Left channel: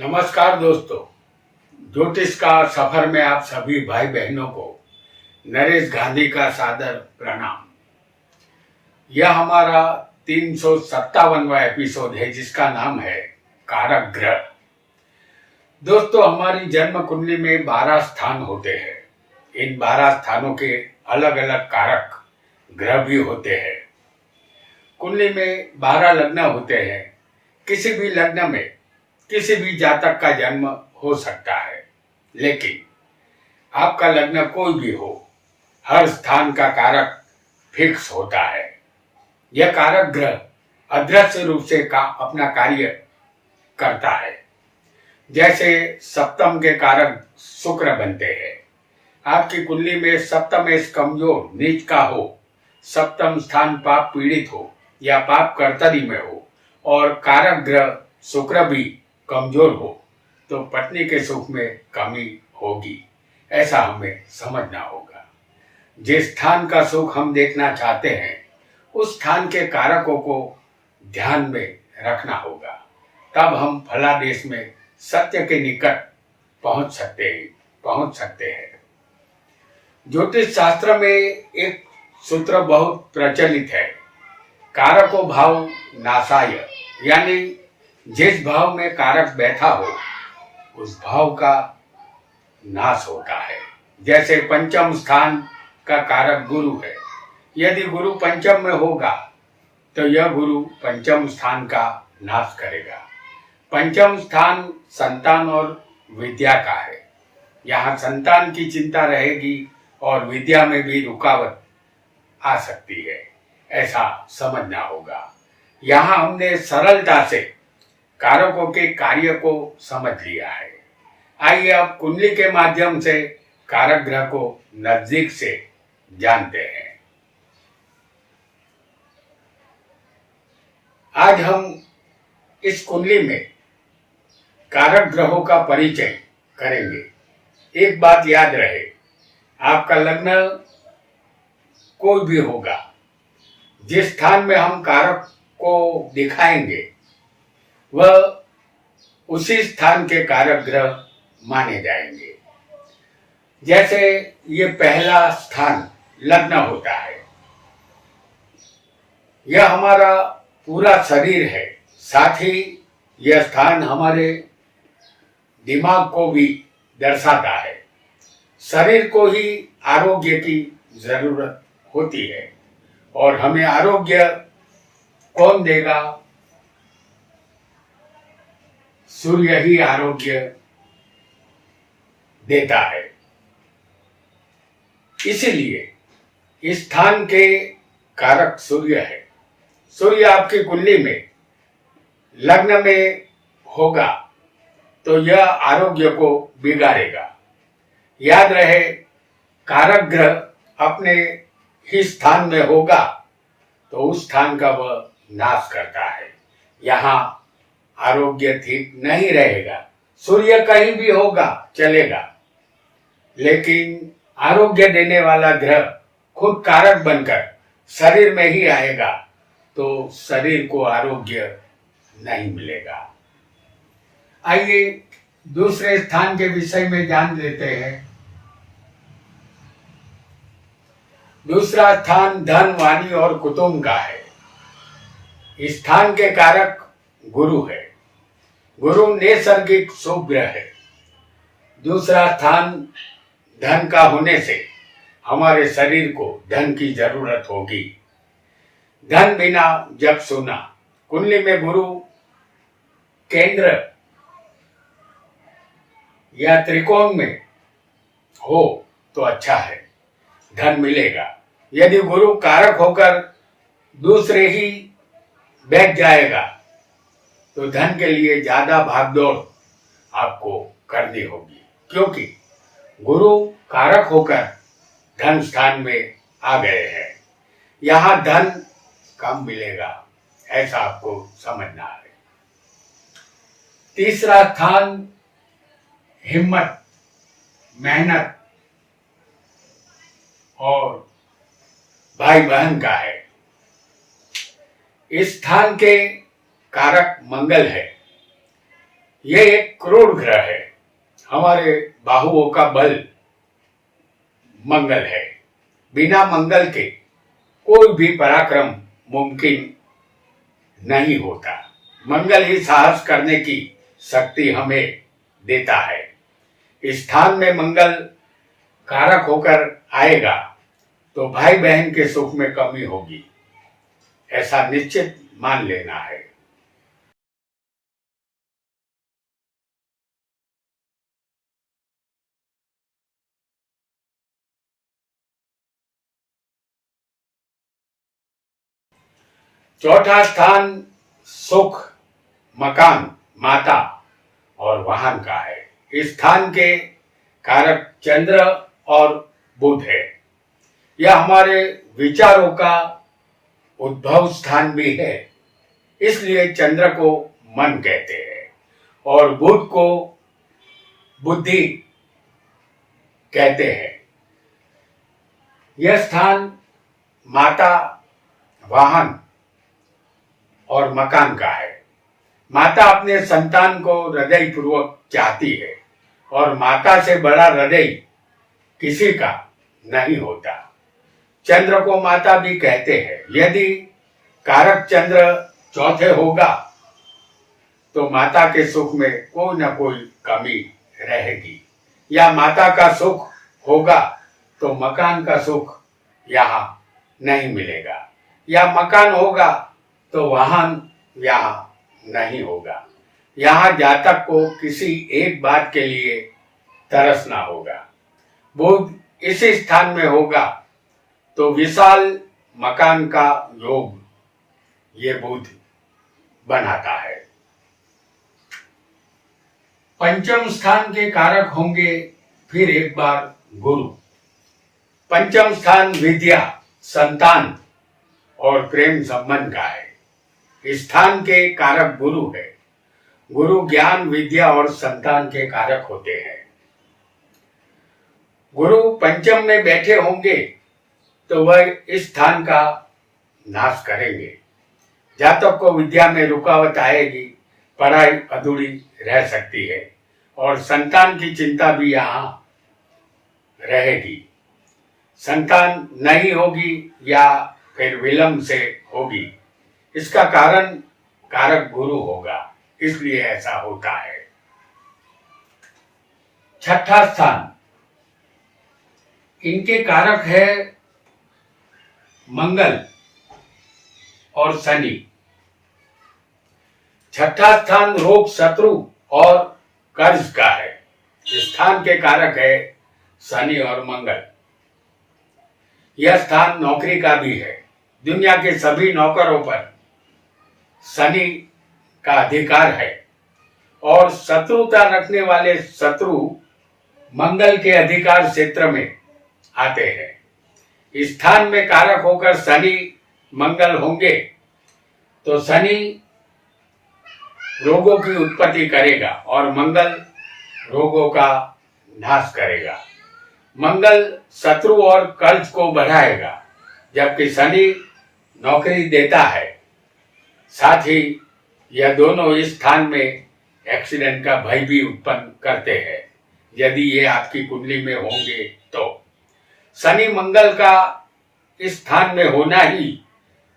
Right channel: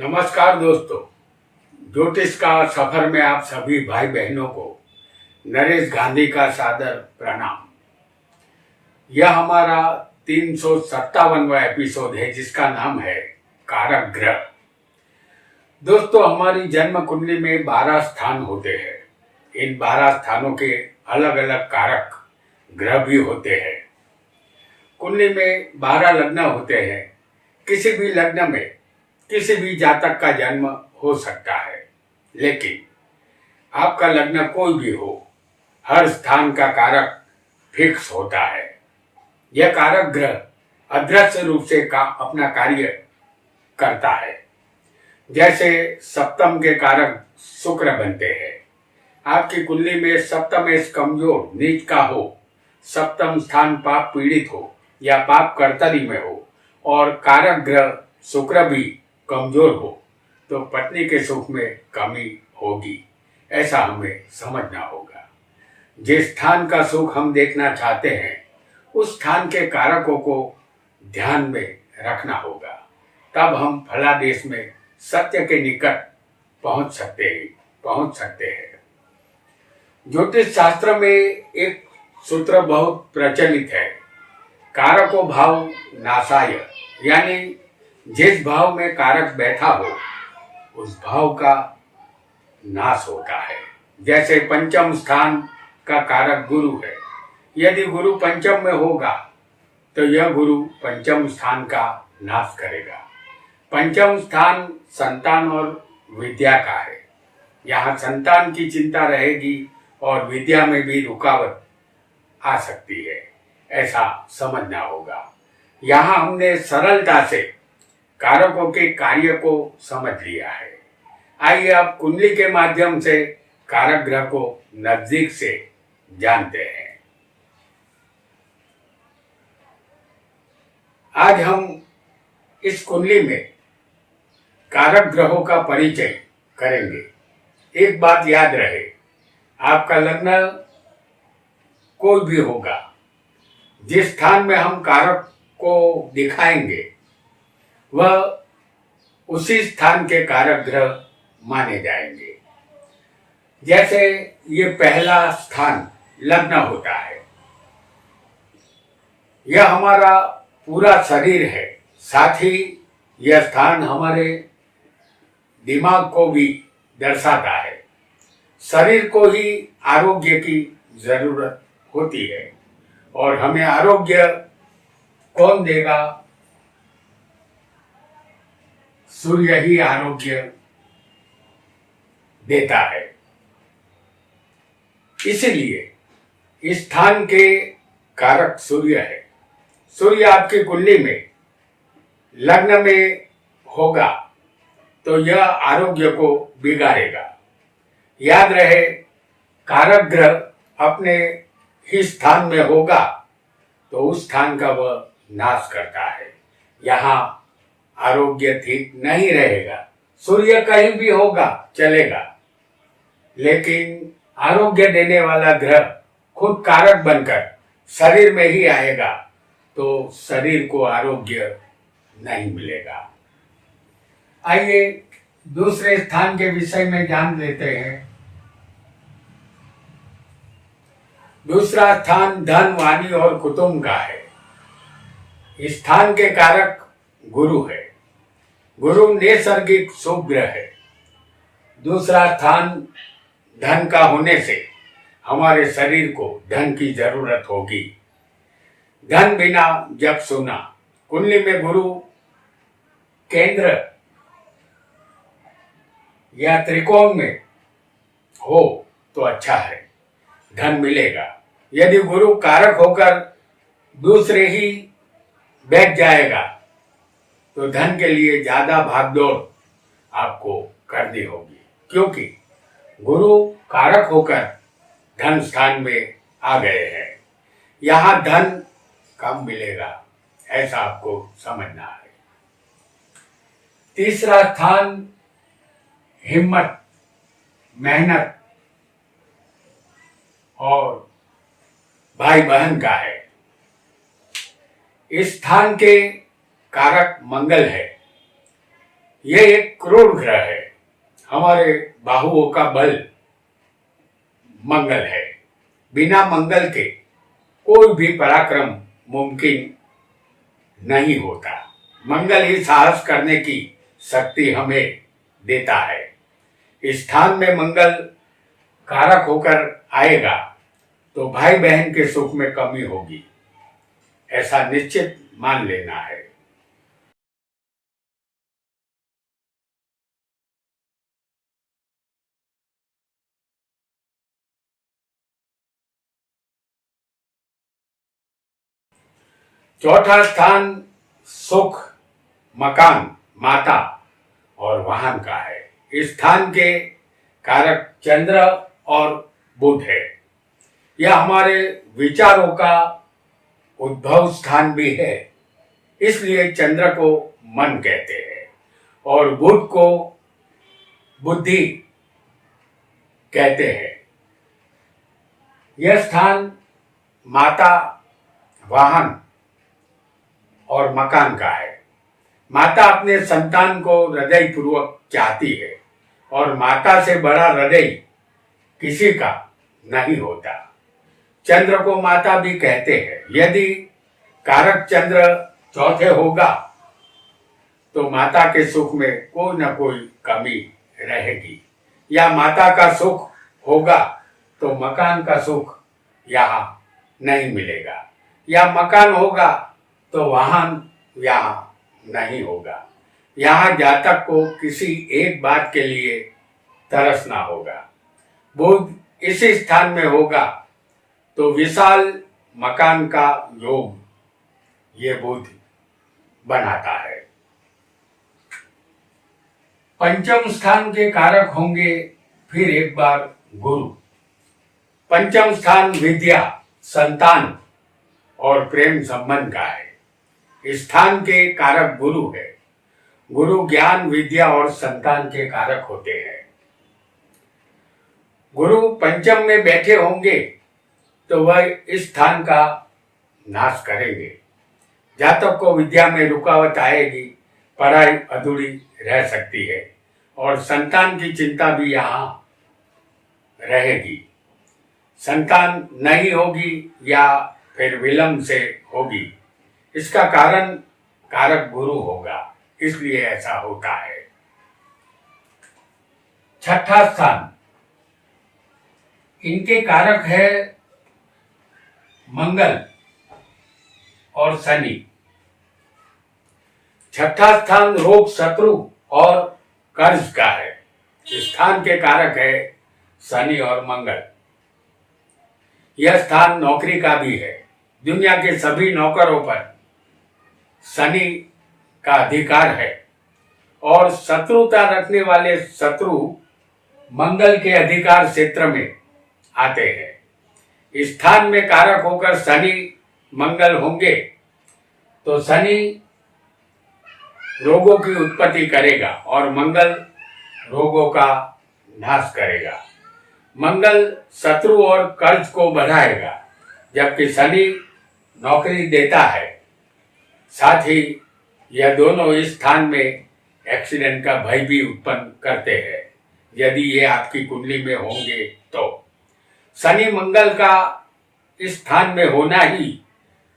नमस्कार दोस्तों। ज्योतिष का सफर में आप सभी भाई बहनों को नरेश गांधी का सादर प्रणाम। यह हमारा 357वां एपिसोड है जिसका नाम है कारक ग्रह। दोस्तों, हमारी जन्म कुंडली में 12 स्थान होते हैं। इन 12 स्थानों के अलग अलग कारक ग्रह भी होते हैं। कुंडली में 12 लग्न होते हैं। किसी भी लग्न में किसी भी जातक का जन्म हो सकता है, लेकिन आपका लग्न कोई भी हो, हर स्थान का कारक फिक्स होता है। यह कारक ग्रह अदृश्य रूप से अपना कार्य करता है। जैसे सप्तम के कारक शुक्र बनते हैं। आपकी कुंडली में सप्तम कमजोर नीच का हो, सप्तम स्थान पाप पीड़ित हो या पाप कर्तरी में हो और कारक ग्रह शुक्र भी कमजोर हो तो पत्नी के सुख में कमी होगी। ऐसा हमें समझना होगा। जिस स्थान का सुख हम देखना चाहते हैं उस स्थान के कारकों को ध्यान में रखना होगा। तब हम फलादेश में सत्य के निकट पहुंच सकते हैं। ज्योतिष शास्त्र में एक सूत्र बहुत प्रचलित है, कारको भाव नाशाय, यानी जिस भाव में कारक बैठा हो उस भाव का नाश होता है। जैसे पंचम स्थान का कारक गुरु है। यदि गुरु पंचम में होगा तो यह गुरु पंचम स्थान का नाश करेगा। पंचम स्थान संतान और विद्या का है। यहाँ संतान की चिंता रहेगी और विद्या में भी रुकावट आ सकती है, ऐसा समझना होगा। यहाँ हमने सरलता से कारकों के कार्य को समझ लिया है। आइए अब कुंडली के माध्यम से कारक ग्रह को नजदीक से जानते हैं। आज हम इस कुंडली में कारक ग्रहों का परिचय करेंगे। एक बात याद रहे, आपका लग्न कोई भी होगा, जिस स्थान में हम कारक को दिखाएंगे वह उसी स्थान के कारक ग्रह माने जाएंगे। जैसे ये पहला स्थान लग्न होता है, यह हमारा पूरा शरीर है। साथ ही यह स्थान हमारे दिमाग को भी दर्शाता है। शरीर को ही आरोग्य की जरूरत होती है और हमें आरोग्य कौन देगा? सूर्य ही आरोग्य देता है। इसीलिए इस स्थान के कारक सूर्य है। सूर्य आपकी कुंडली में लग्न में होगा तो यह आरोग्य को बिगाड़ेगा। याद रहे, कारक ग्रह अपने ही स्थान में होगा तो उस स्थान का वह नाश करता है। यहाँ आरोग्य ठीक नहीं रहेगा। सूर्य कहीं भी होगा चलेगा, लेकिन आरोग्य देने वाला ग्रह खुद कारक बनकर शरीर में ही आएगा तो शरीर को आरोग्य नहीं मिलेगा। आइए दूसरे स्थान के विषय में जान लेते हैं। दूसरा स्थान धन, वाणी और कुटुंब का है। इस स्थान के कारक गुरु है। गुरु नैसर्गिक शुभ ग्रह है। दूसरा स्थान धन का होने से हमारे शरीर को धन की जरूरत होगी। धन बिना जग सुना। कुंडली में गुरु केंद्र या त्रिकोण में हो तो अच्छा है, धन मिलेगा। यदि गुरु कारक होकर दूसरे ही बैठ जाएगा तो धन के लिए ज्यादा भागदौड़ आपको करनी होगी, क्योंकि गुरु कारक होकर धन स्थान में आ गए हैं। यहाँ धन कम मिलेगा, ऐसा आपको समझना है। तीसरा स्थान हिम्मत, मेहनत और भाई बहन का है। इस स्थान के कारक मंगल है। ये एक क्रूर ग्रह है। हमारे बाहुओं का बल मंगल है। बिना मंगल के कोई भी पराक्रम मुमकिन नहीं होता। मंगल ही साहस करने की शक्ति हमें देता है। इस स्थान में मंगल कारक होकर आएगा तो भाई बहन के सुख में कमी होगी, ऐसा निश्चित मान लेना है। चौथा स्थान सुख, मकान, माता और वाहन का है। इस स्थान के कारक चंद्र और बुध है। यह हमारे विचारों का उद्भव स्थान भी है, इसलिए चंद्र को मन कहते हैं और बुध को बुद्धि कहते हैं। यह स्थान माता, वाहन और मकान का है। माता अपने संतान को हृदय पूर्वक चाहती है और माता से बड़ा हृदय किसी का नहीं होता। चंद्र को माता भी कहते हैं। यदि कारक चंद्र चौथे होगा तो माता के सुख में कोई न कोई कमी रहेगी, या माता का सुख होगा तो मकान का सुख यहाँ नहीं मिलेगा, या मकान होगा तो वाहन यहाँ नहीं होगा। यहाँ जातक को किसी एक बात के लिए तरसना होगा। बुध इसी स्थान में होगा तो विशाल मकान का योग ये बुध बनाता है। पंचम स्थान के कारक होंगे फिर एक बार गुरु। पंचम स्थान विद्या, संतान और प्रेम संबंध का है। इस स्थान के कारक गुरु है। गुरु ज्ञान, विद्या और संतान के कारक होते हैं। गुरु पंचम में बैठे होंगे तो वह इस स्थान का नाश करेंगे। जातक को विद्या में रुकावट आएगी, पढ़ाई अधूरी रह सकती है और संतान की चिंता भी यहाँ रहेगी। संतान नहीं होगी या फिर विलंब से होगी, इसका कारण कारक गुरु होगा, इसलिए ऐसा होता है। छठा स्थान, इनके कारक है मंगल और शनि। छठा स्थान रोग, शत्रु और कर्ज का है। इस स्थान के कारक है शनि और मंगल। यह स्थान नौकरी का भी है। दुनिया के सभी नौकरों पर शनि का अधिकार है और शत्रुता रखने वाले शत्रु मंगल के अधिकार क्षेत्र में आते हैं। इस स्थान में कारक होकर शनि मंगल होंगे तो शनि रोगों की उत्पत्ति करेगा और मंगल रोगों का नाश करेगा। मंगल शत्रु और कर्ज को बढ़ाएगा, जबकि शनि नौकरी देता है। साथ ही यह दोनों इस स्थान में एक्सीडेंट का भय भी उत्पन्न करते हैं, यदि ये आपकी कुंडली में होंगे तो। शनि मंगल का इस स्थान में होना ही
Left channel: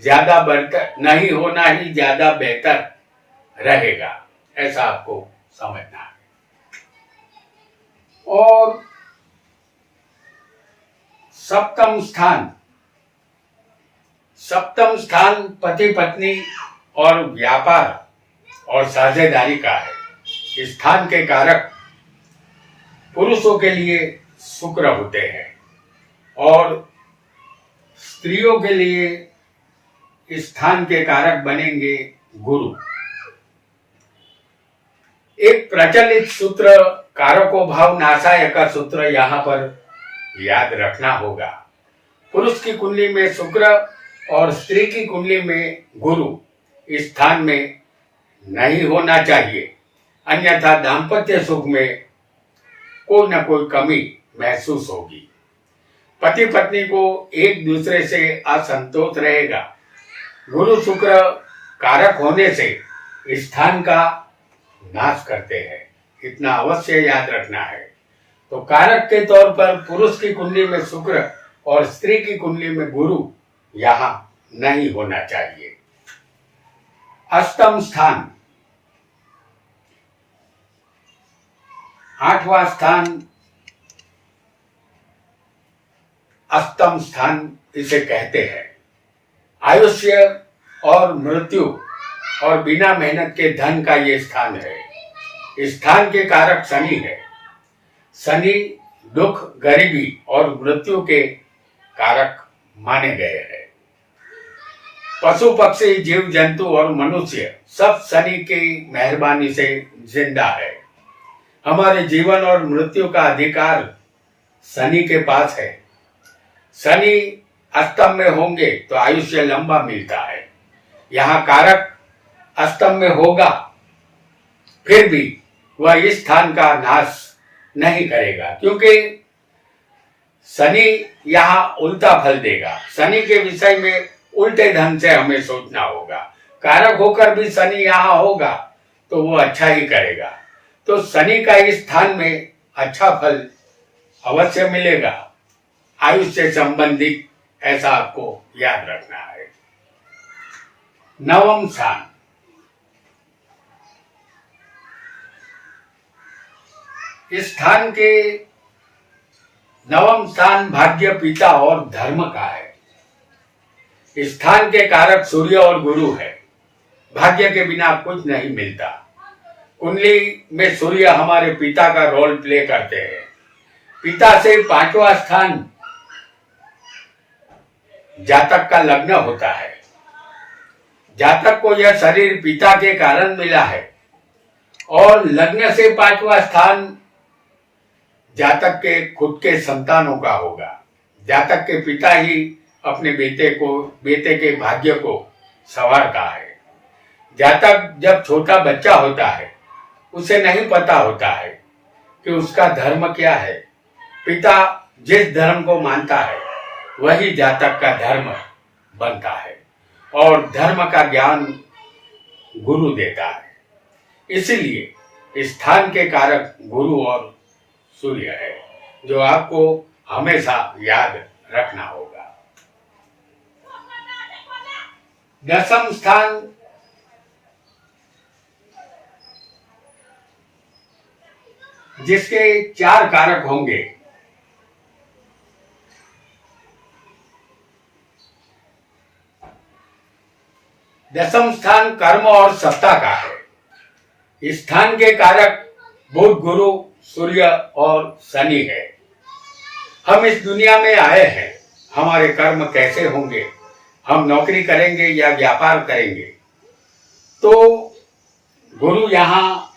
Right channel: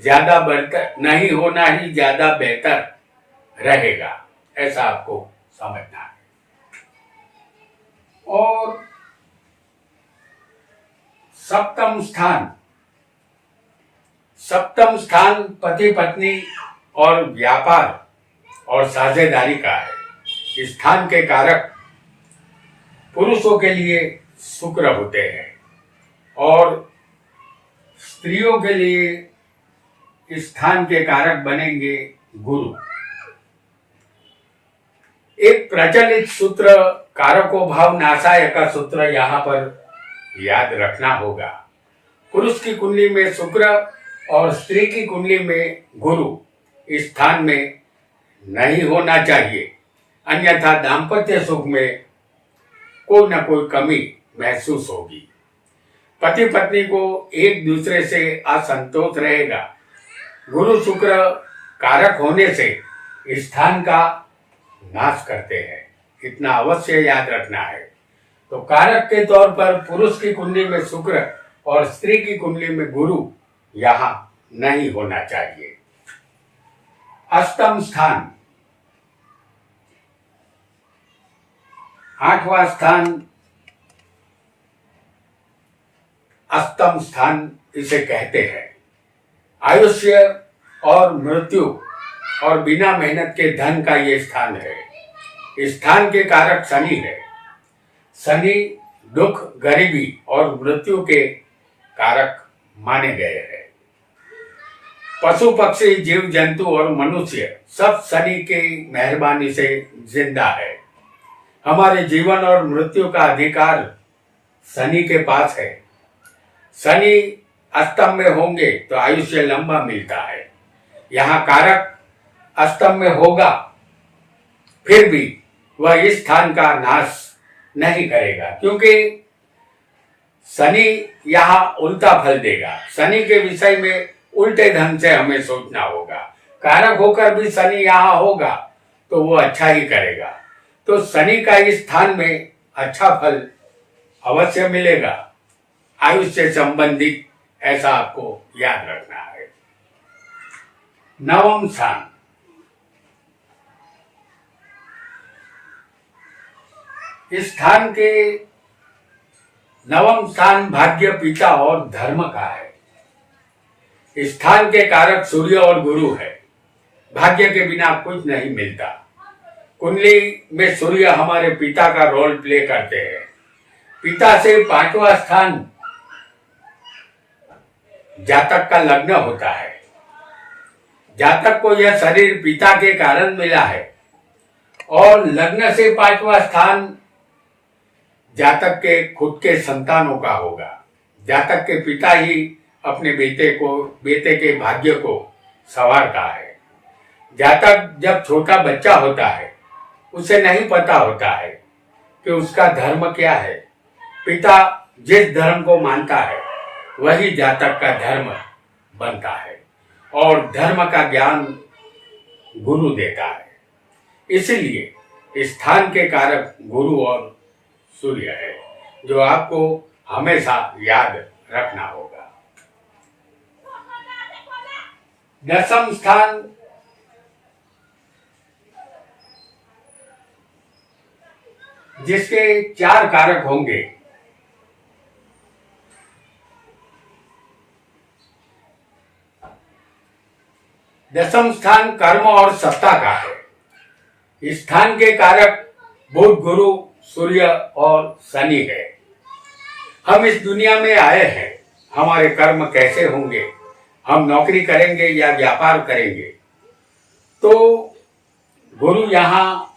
ज्यादा बेहतर, नहीं होना ही ज्यादा बेहतर रहेगा, ऐसा आपको समझना है। और सप्तम स्थान, सप्तम स्थान पति पत्नी और व्यापार और साझेदारी का है। इस स्थान के कारक पुरुषों के लिए शुक्र होते हैं और स्त्रियों के लिए इस स्थान के कारक बनेंगे गुरु। एक प्रचलित सूत्र कारको भाव नाशाय का सूत्र यहाँ पर याद रखना होगा। पुरुष की कुंडली में शुक्र और स्त्री की कुंडली में गुरु इस स्थान में नहीं होना चाहिए, अन्यथा दाम्पत्य सुख में कोई न कोई कमी महसूस होगी। पति पत्नी को एक दूसरे से असंतोष रहेगा। गुरु शुक्र कारक होने से इस स्थान का नाश करते हैं, इतना अवश्य याद रखना है। तो कारक के तौर पर पुरुष की कुंडली में शुक्र और स्त्री की कुंडली में गुरु यहाँ नहीं होना चाहिए। अष्टम स्थान, 8वां स्थान, अष्टम स्थान इसे कहते हैं। आयुष्य और मृत्यु और बिना मेहनत के धन का ये स्थान है। इस स्थान के कारक शनि है। शनि दुख, गरीबी और मृत्यु के कारक माने गए हैं। पशु पक्षी, जीव जंतु और मनुष्य सब शनि की मेहरबानी से जिंदा है। हमारे जीवन और मृत्यु का अधिकार शनि के पास है। शनि अष्टम में होंगे तो आयुष्य लंबा मिलता है। यहाँ कारक अष्टम में होगा, फिर भी वह इस स्थान का नाश नहीं करेगा, क्योंकि शनि यहाँ उल्टा फल देगा। शनि के विषय में उल्टे ढंग से हमें सोचना होगा। कारक होकर भी शनि यहाँ होगा तो वो अच्छा ही करेगा। तो शनि का इस स्थान में अच्छा फल अवश्य मिलेगा। आयुष से संबंधित ऐसा आपको याद रखना है। 9वां स्थान, इस स्थान के 9वां स्थान भाग्य, पिता और धर्म का है। इस स्थान के कारक सूर्य और गुरु है। भाग्य के बिना कुछ नहीं मिलता। कुंडली में सूर्य हमारे पिता का रोल प्ले करते हैं। पिता से 5वां स्थान जातक का लग्न होता है। जातक को यह शरीर पिता के कारण मिला है और लग्न से 5वां स्थान जातक के खुद के संतानों का होगा। जातक के पिता ही अपने बेटे के भाग्य को संवारता है। जातक जब छोटा बच्चा होता है उसे नहीं पता होता है कि उसका धर्म क्या है। पिता जिस धर्म को मानता है वही जातक का धर्म बनता है और धर्म का ज्ञान गुरु देता है। इसलिए इस स्थान के कारक गुरु और सूर्य है, जो आपको हमेशा याद रखना होगा। 10वां स्थान, जिसके 4 कारक होंगे। 10वां स्थान कर्म और सत्ता का है। इस स्थान के कारक बुध, गुरु, सूर्य और शनि है। हम इस दुनिया में आए हैं, हमारे कर्म कैसे होंगे, हम नौकरी करेंगे या व्यापार करेंगे, तो गुरु यहाँ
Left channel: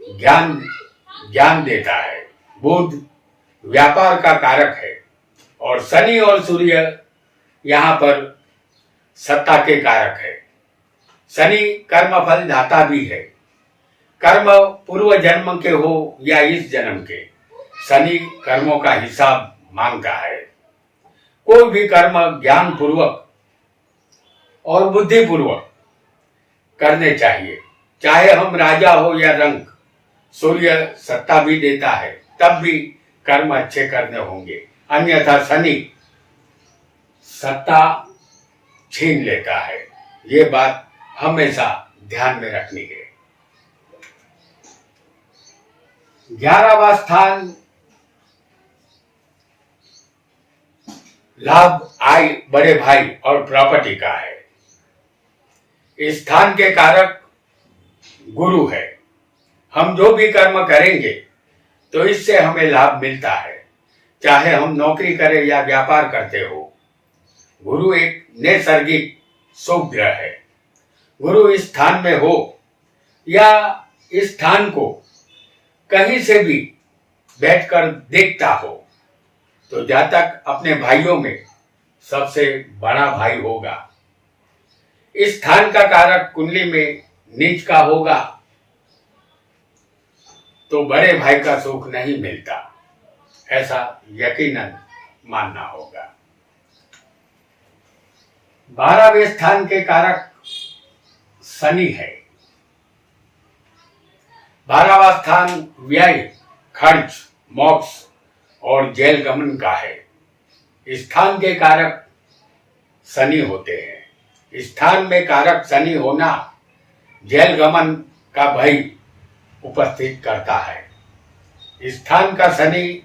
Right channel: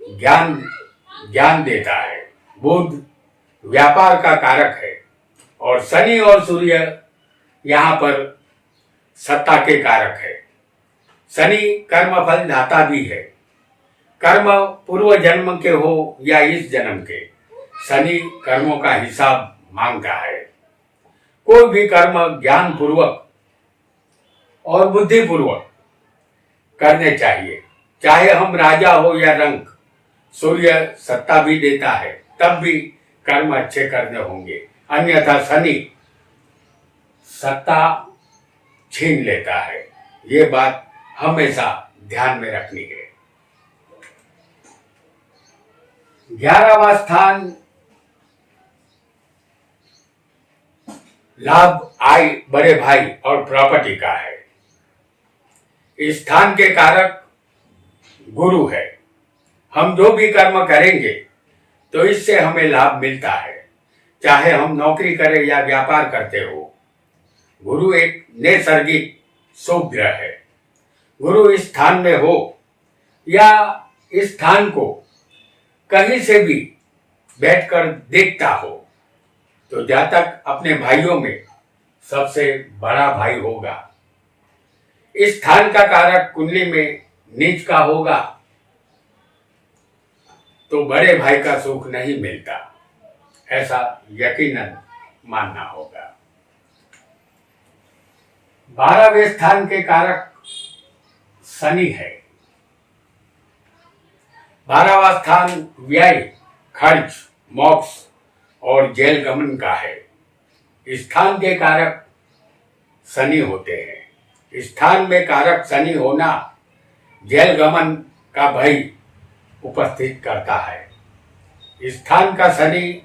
ज्ञान देता है। बुध व्यापार का कारक है और शनि और सूर्य यहाँ पर सत्ता के कारक है। शनि कर्मफल दाता भी है। कर्म पूर्व जन्म के हो या इस जन्म के, शनि कर्मों का हिसाब मांगता है। कोई भी कर्म ज्ञान पूर्वक और बुद्धि पूर्वक करने चाहिए, चाहे हम राजा हो या रंक। सूर्य सत्ता भी देता है, तब भी कर्म अच्छे करने होंगे, अन्यथा शनि सत्ता छीन लेता है। ये बात हमेशा ध्यान में रखनी है। 11वां स्थान लाभ, आय, बड़े भाई और प्रॉपर्टी का है। इस स्थान के कारक गुरु है। हम जो भी कर्म करेंगे तो इससे हमें लाभ मिलता है, चाहे हम नौकरी करें या व्यापार करते हो। गुरु एक नैसर्गिक शुभ ग्रह है। गुरु इस स्थान में हो या इस स्थान को कहीं से भी बैठकर देखता हो तो जातक अपने भाइयों में सबसे बड़ा भाई होगा। इस स्थान का कारक कुंडली में नीच का होगा तो बड़े भाई का सुख नहीं मिलता, ऐसा यकीनन मानना होगा। 12वें स्थान के कारक शनि है। 12वां स्थान व्यय, खर्च, मोक्ष और जेल गमन का है। स्थान के कारक शनि होते हैं। स्थान में कारक शनि होना जेल गमन का भय उपस्थित करता है। स्थान का शनि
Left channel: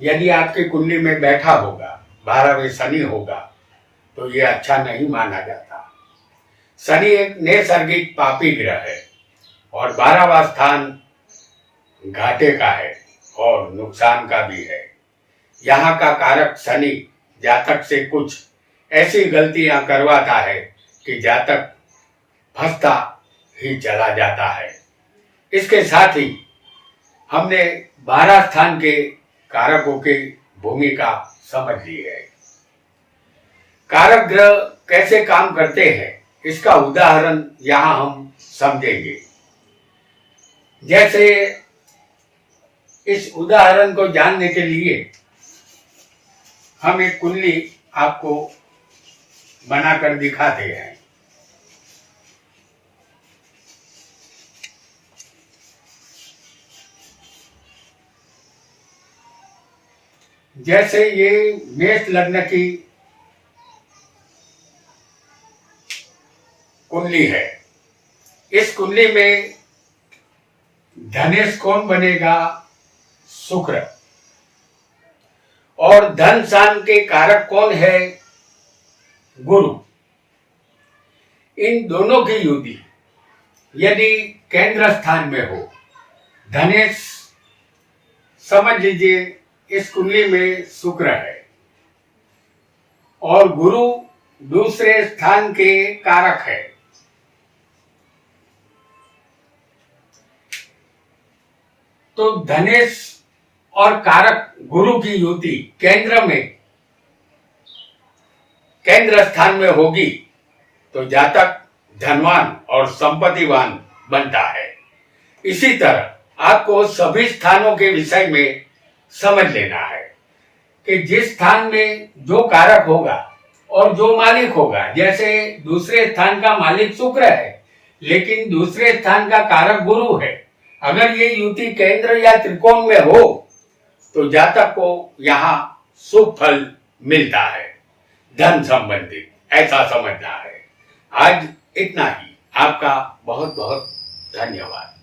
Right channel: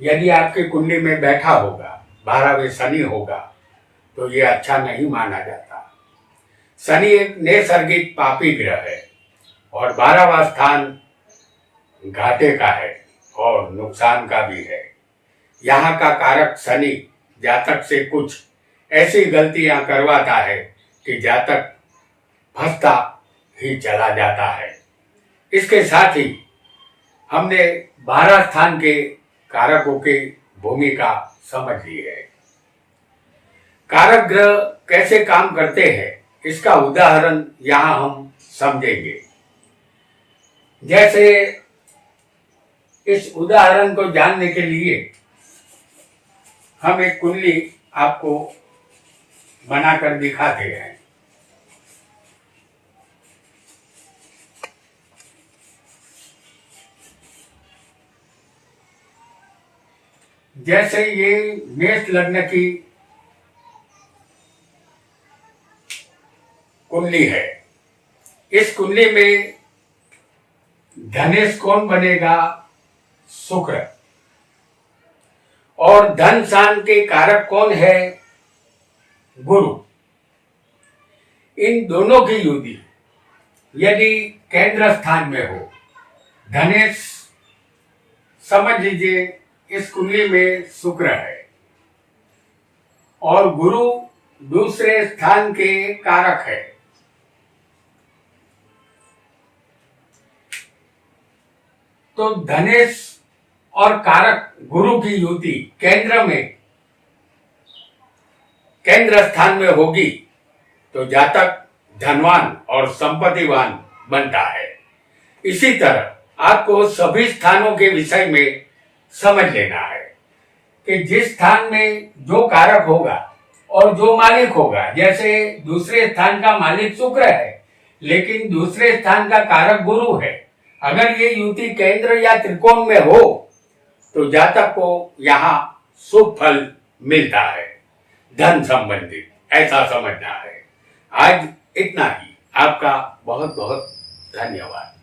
यदि आपकी कुंडली में बैठा होगा, 12वें शनि होगा, तो ये अच्छा नहीं माना जाता। शनि एक नैसर्गिक पापी ग्रह है और 12वां स्थान घाटे का है और नुकसान का भी है। यहाँ का कारक शनि जातक से कुछ ऐसी गलतियां करवाता है कि जातक फंसता ही चला जाता है। इसके साथ ही हमने 12 स्थान के कारकों की भूमिका समझ ली है। कारक ग्रह कैसे काम करते हैं, इसका उदाहरण यहां हम समझेंगे। जैसे इस उदाहरण को जानने के लिए हम एक कुंडली आपको बनाकर दिखाते हैं। जैसे ये मेष लग्न की कुंडली है। इस कुंडली में धनेश कौन बनेगा? शुक्र। और धन सान के कारक कौन है? गुरु। इन दोनों की युति यदि केंद्र स्थान में हो, धनेश समझ लीजिए इस कुंडली में शुक्र है और गुरु दूसरे स्थान के कारक है। तो धनेश और कारक गुरु की युति केंद्र स्थान में होगी तो जातक धनवान और संपत्तिवान बनता है। इसी तरह आपको सभी स्थानों के विषय में समझ लेना है कि जिस स्थान में जो कारक होगा और जो मालिक होगा, जैसे दूसरे स्थान का मालिक शुक्र है लेकिन दूसरे स्थान का कारक गुरु है, अगर ये युति केंद्र या त्रिकोण में हो तो जातक को यहाँ शुभ फल मिलता है, धन संबंधित, ऐसा समझना है। आज इतना ही। आपका बहुत बहुत धन्यवाद।